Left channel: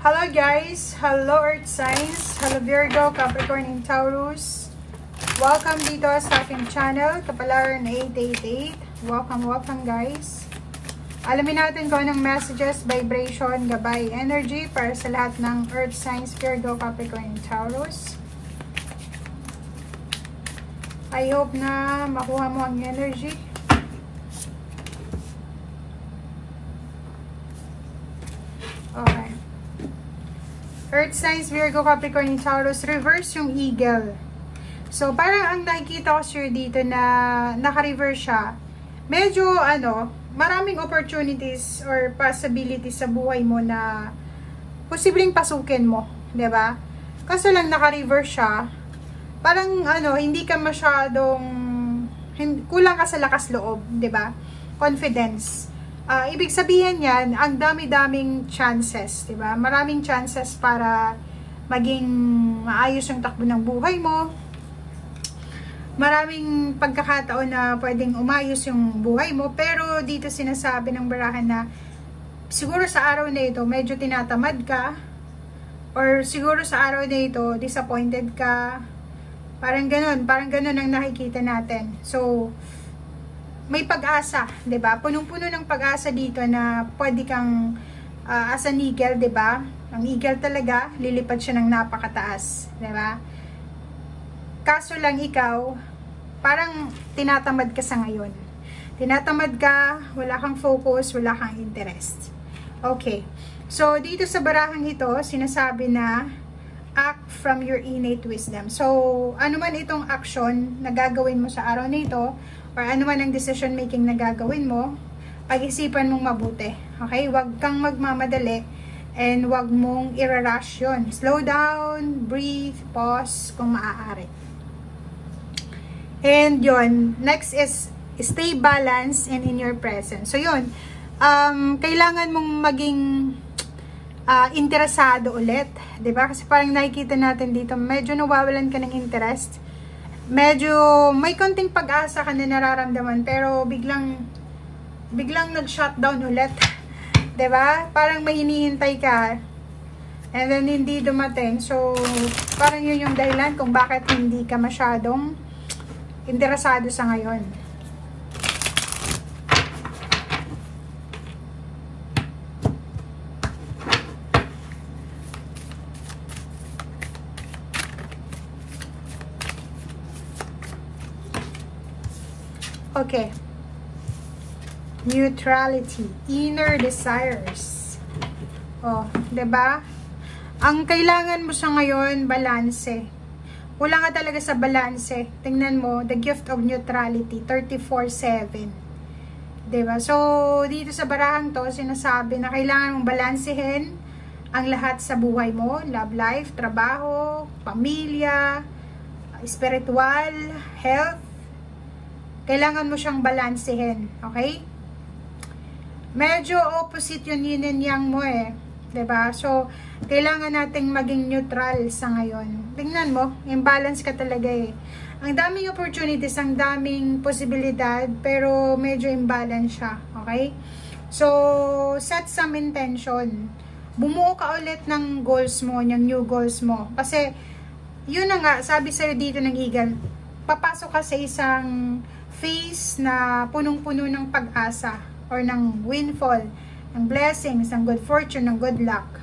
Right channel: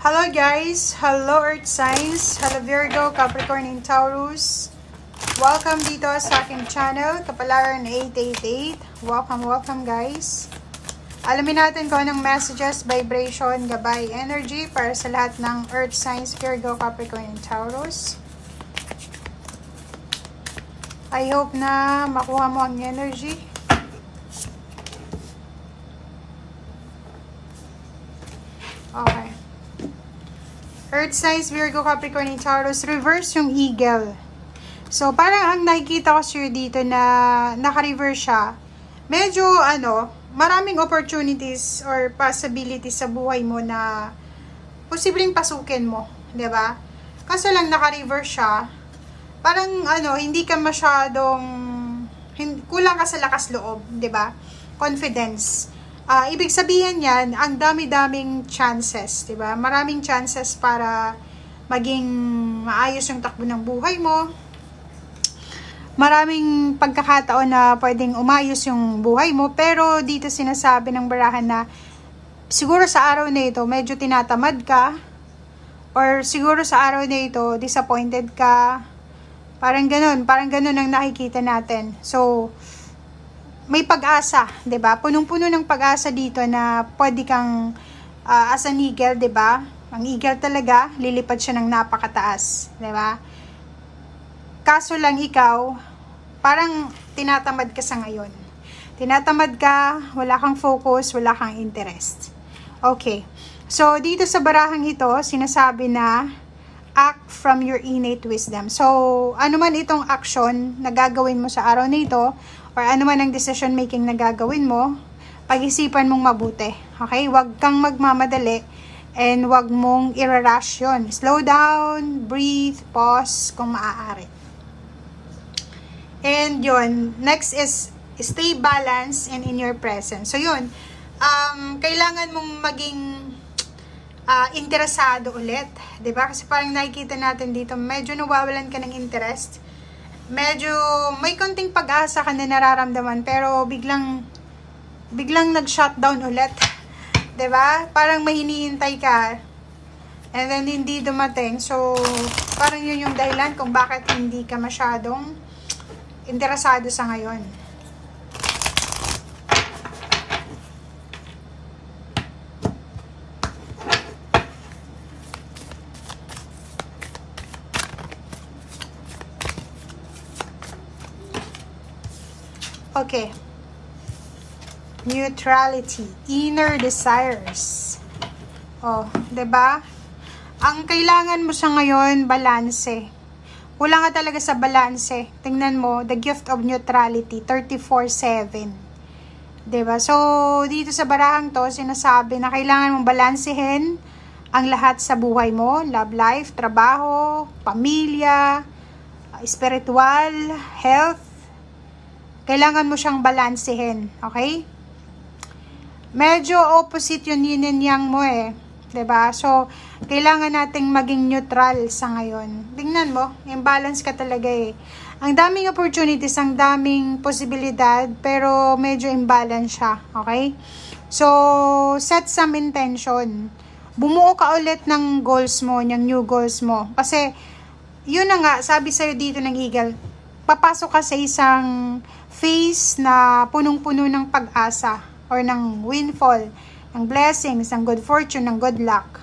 Hello guys! Hello Earth Signs! Hello Virgo, Capricorn, and Taurus! Welcome dito sa aking channel, Kapalaran 888. Welcome guys! Alamin natin kung anong messages, vibration, gabay, energy para sa lahat ng Earth Signs, Virgo, Capricorn, and Taurus. I hope na makuha mo ang energy. Okay. Earth Signs, Virgo, Capricorn, and Taurus, reverse yung Eagle. So, parang ang nakikita ko sa'yo dito na naka-reverse siya. Medyo, maraming opportunities or possibilities sa buhay mo na posibleng pasukin mo. 'Di ba? Kaso lang naka-reverse siya. Parang, hindi ka masyadong, kulang ka sa lakas loob. 'Di ba? Confidence. Ibig sabihin yan, ang dami-daming chances, 'di ba? Maraming chances para maging maayos yung takbo ng buhay mo. Maraming pagkakataon na pwedeng umayos yung buhay mo, pero dito sinasabi ng barahan na siguro sa araw na ito medyo tinatamad ka, or siguro sa araw na ito disappointed ka. Parang ganun ang nakikita natin. So, may pag-asa, 'di ba? Punong-puno ng pag-asa dito na pwede kang as an eagle, 'di ba? Ang eagle talaga, lilipad siya ng napakataas, 'di ba? Kaso lang ikaw, parang tinatamad ka sa ngayon. Tinatamad ka, wala kang focus, wala kang interest. Okay. So, dito sa barahang ito, sinasabi na act from your innate wisdom. So, ano man itong action na gagawin mo sa araw na ito, or ano man ang decision making na gagawin mo, pag-isipan mong mabuti. Okay? Huwag kang magmamadali and huwag mong i-rush yun. Slow down, breathe, pause kung maaari. And yun, next is stay balanced and in your presence. So yun, kailangan mong maging interesado ulit, 'di ba? Kasi parang nakikita natin dito, medyo nawawalan ka ng interest. Medyo may konting pag-asa ka na nararamdaman, pero biglang nag-shutdown ulit. 'Di ba? Parang may hinihintay ka and then hindi dumating. So, parang yun yung dahilan kung bakit hindi ka masyadong interesado sa ngayon. Okay. Neutrality, inner desires. Oh, 'di ba? Ang kailangan mo sa ngayon, balanse. Kulang ka talaga sa balanse. Tingnan mo, the gift of neutrality, 34/7. 'Di ba? So, dito sa barahang 'to, sinasabi na kailangan mong balansehin ang lahat sa buhay mo, love life, trabaho, pamilya, spiritual, health. Kailangan mo siyang balansehin, okay? Medyo opposite yung yin and yang mo eh. 'Di ba? So, kailangan nating maging neutral sa ngayon. Tingnan mo, imbalance ka talaga eh. Ang daming opportunities, ang daming posibilidad, pero medyo imbalance siya, okay? So, set some intention. Bumuo ka ulit ng goals mo, ng new goals mo. Kasi, yun na nga, sabi sa'yo dito ng Eagle, papasok ka sa isang phase na punong-puno ng pag-asa or ng windfall, ng blessings, ng good fortune, ng good luck.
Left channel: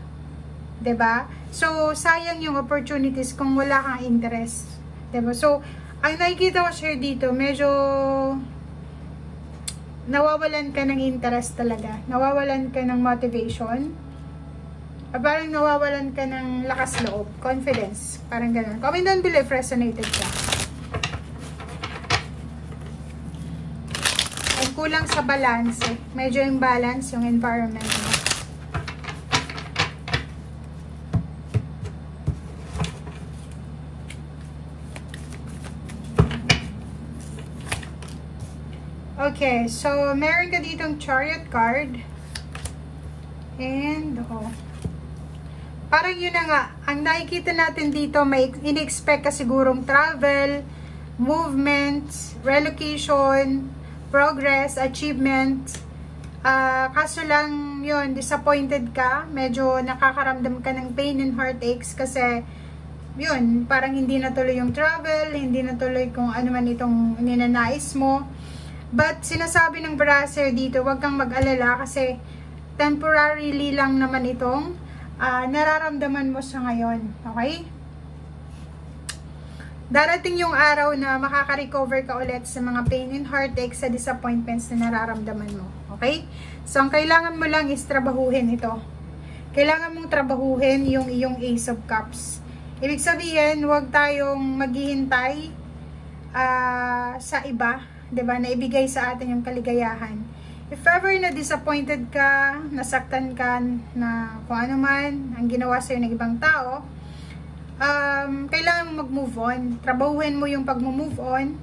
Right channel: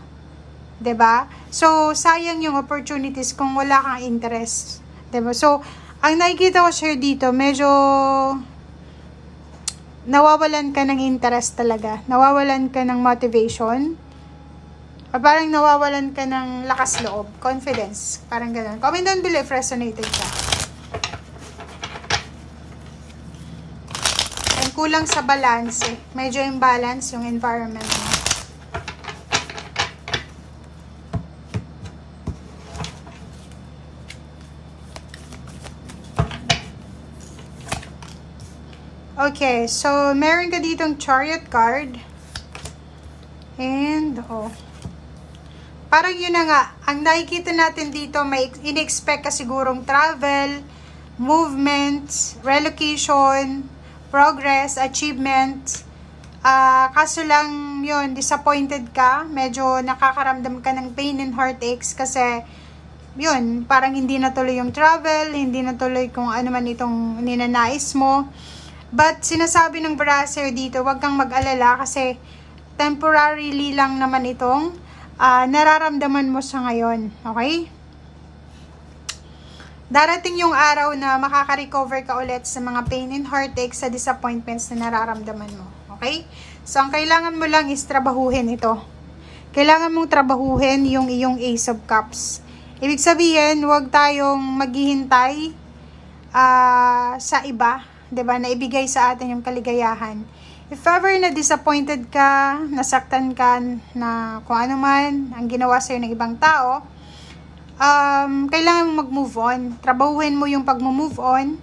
'Di ba? So, sayang yung opportunities kung wala kang interest. 'Di ba? So, ang nakikita ko sa'yo dito, medyo nawawalan ka ng interest talaga. Nawawalan ka ng motivation. O parang nawawalan ka ng lakas loob, confidence. Parang ganun. Comment down below if resonated ka. And kulang sa balance eh. Medyo imbalance yung environment mo. Okay, so meron ka ditong Chariot card. And, parang yun na nga, ang nakikita natin dito, may in-expect ka sigurong travel, movement, relocation, progress, achievement, Kaso lang yun, disappointed ka, medyo nakakaramdam ka ng pain and heartaches kasi yun, parang hindi natuloy yung travel, hindi natuloy kung ano man itong ninanais mo. But sinasabi ng brasser dito, wag kang mag-alala kasi temporarily lang naman itong nararamdaman mo sa ngayon. Okay? Darating yung araw na makaka-recover ka ulit sa mga pain and heartaches, sa disappointments na nararamdaman mo. Okay? So, ang kailangan mo lang is trabahuhin ito. Kailangan mong trabahuhin yung iyong Ace of Cups. Ibig sabihin, huwag tayong maghihintay sa iba, 'di ba, na ibigay sa atin yung kaligayahan. If ever na disappointed ka, nasaktan ka na kung ano man ang ginawa sa'yo ng ibang tao, kailangan mag-move on. Trabahuin mo yung pag-move on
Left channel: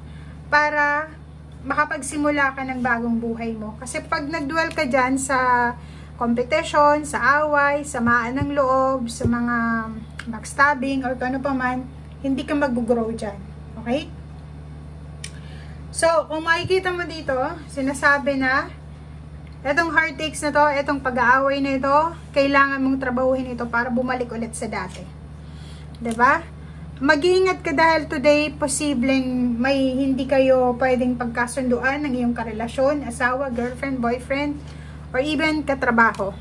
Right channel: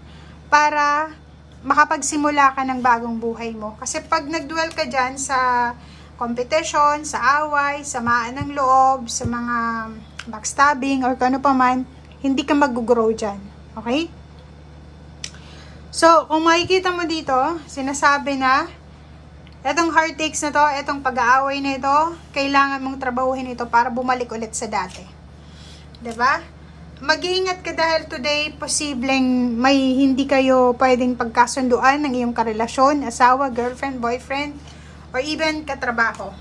para makapagsimula ka ng bagong buhay mo. Kasi pag nag-dwell ka dyan sa competition, sa away, samaan ng loob, sa mga backstabbing, or kung ano pa man, hindi ka mag-grow dyan. Okay? So, kung makikita mo dito, sinasabi na, etong heartaches na to, etong pag-aaway na ito, kailangan mong trabahuhin ito para bumalik ulit sa dati. 'Di ba? Mag-iingat ka dahil today posibleng may hindi kayo pwedeng pagkasunduan ng iyong karelasyon, asawa, girlfriend, boyfriend, or even katrabaho.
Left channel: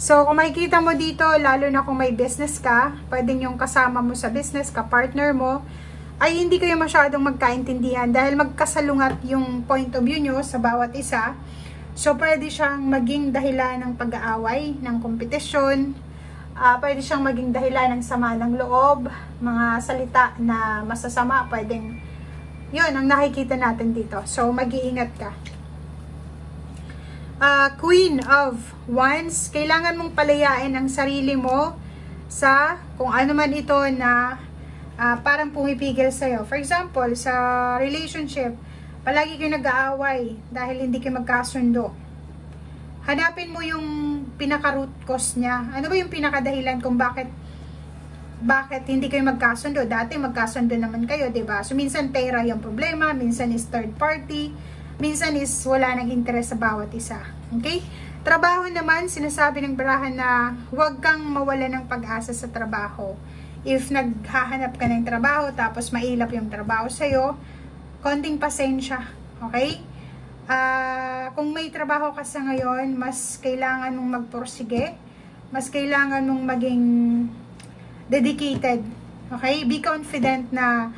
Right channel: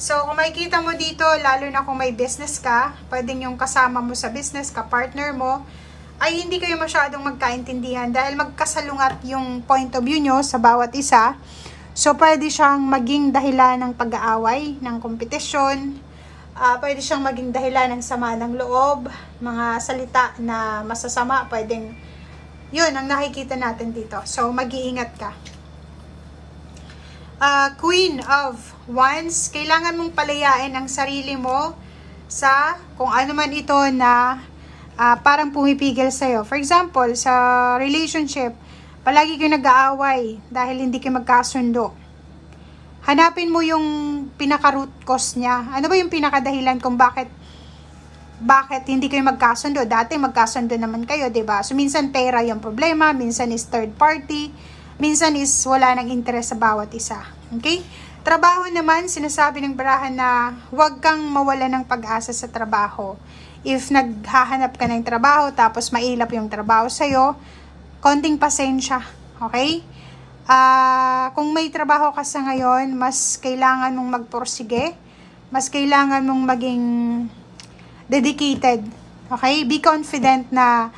So, kung makikita mo dito, lalo na kung may business ka, pwedeng yung kasama mo sa business, ka-partner mo, ay hindi kayo masyadong magkaintindihan dahil magkasalungat yung point of view nyo sa bawat isa. So, pwede siyang maging dahilan ng pag-aaway, ng kompetisyon, pwede siyang maging dahilan ng sama ng loob, mga salita na masasama, pwedeng, yun ang nakikita natin dito. So, mag-iingat ka. Queen of Wands, kailangan mong palayain ang sarili mo sa kung ano man ito na parang pumipigil sa'yo. For example, sa relationship, palagi kayo nag-aaway dahil hindi kayo magkasundo. Hanapin mo yung pinaka-root cause niya. Ano ba yung pinakadahilan kung bakit hindi kayo magkasundo? Dati magkasundo naman kayo, 'di ba? So minsan pera yung problema, minsan is third party, minsan is wala nang interest sa bawat isa. Okay? Trabaho naman, sinasabi ng barahan na huwag kang mawala ng pag-asa sa trabaho. If naghahanap ka ng trabaho tapos mailap yung trabaho sa'yo, konting pasensya. Okay? Kung may trabaho ka sa ngayon, mas kailangan mong magpursige, mas kailangan mong maging dedicated. Okay? Be confident na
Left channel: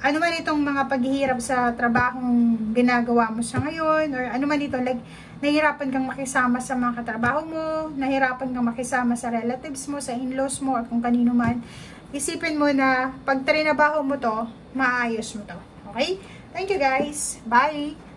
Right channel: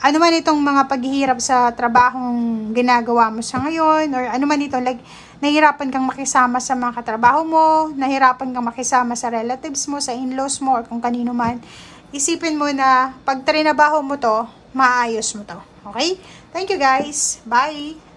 ano man itong mga paghihirap sa trabahong ginagawa mo sa ngayon, or ano man ito, like, nahirapan kang makisama sa mga katrabaho mo, nahirapan kang makisama sa relatives mo, sa in-laws mo, or kung kanino man, isipin mo na pag trinabaho mo to, maayos mo to. Okay? Thank you guys. Bye!